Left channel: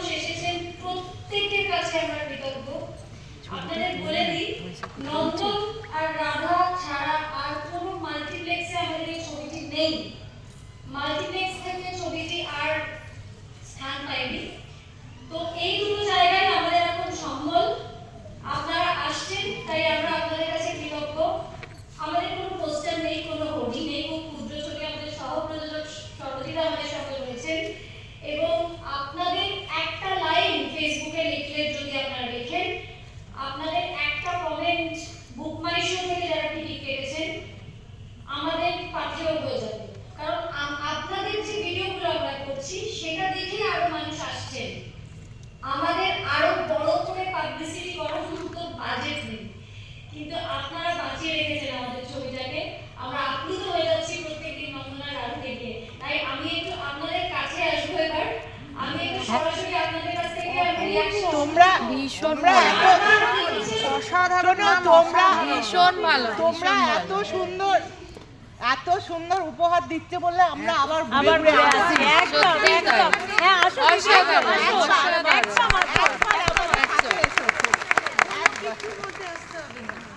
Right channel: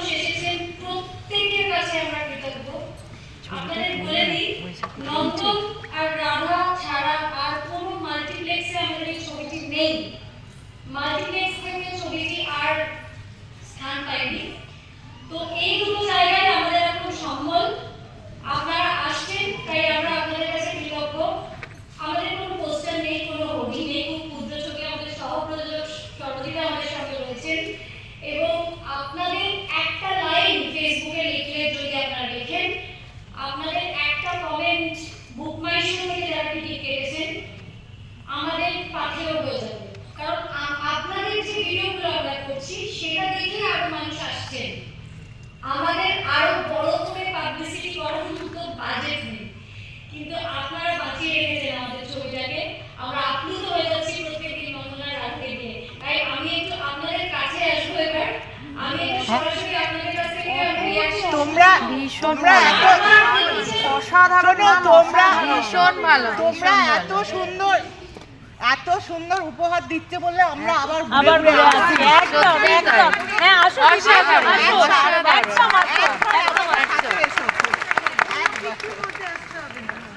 মানুষ এসেছেন প্রত্যেকের কাছে আমরা কৃতজ্ঞ। আপনাদের বলে দিই, নন্দন আর রাধা ছাড়া আর কোনো মাল্টিপ্লেক্সে আমাদের এই ছবিটি নেই। মাল্টিপ্লেক্স থেকে ছবিটি আর স্থান পায়নি। তো এই দুটো জায়গায় আমাদের এখন সম্বল। আপনারা আসছেন, তাই আমরা আপনাদের কাছে কৃতজ্ঞ। আমাদের কোনো পোস্টার নেই, কোনো হোর্ডিং নেই, খুব ক্ষুদ্র ছবি। আমাদের সহপ্রযোজক সর্বদিকা আমাদের সঙ্গে রয়েছেন এবং আপনাদের একটা লাইন ফেসবুকে লিখলে যদি আপনারা লেখেন, আপনাদের একটা কমেন্ট বুক মাই শো থেকে যারা টিকিট কেটেছেন আমাদের পাঠিয়েও হয়ে যাবে। কারণ আপনাদের যে ভিডিওগুলো আমরা করছি সেটা দেখে আরো মানুষ আসছেন। আমাদের আরো বড় করে পাবলিসিটি করার মতো বাজেট নেই, কিন্তু আপনারা বাঁচিয়ে রেখেছেন আমাদের ছবিটাকে। আমরা আপ্লুত হয়ে যাচ্ছি প্রত্যেকদিন নন্দনার রাধকে নিয়ে। তাই আমি একটু আপনাদের কাছে আসবো এবার। আমি একটু সরাসরি আপনাদের কাছ থেকে তোমরা অসাধারণ, তোমরা ভীষণ ভালো, তোমরা এত সুন্দর উপহার দিচ্ছে বলে আমরা আবার ঘুরে আসি। একদম একদম, হ্যাঁ আসো আসো।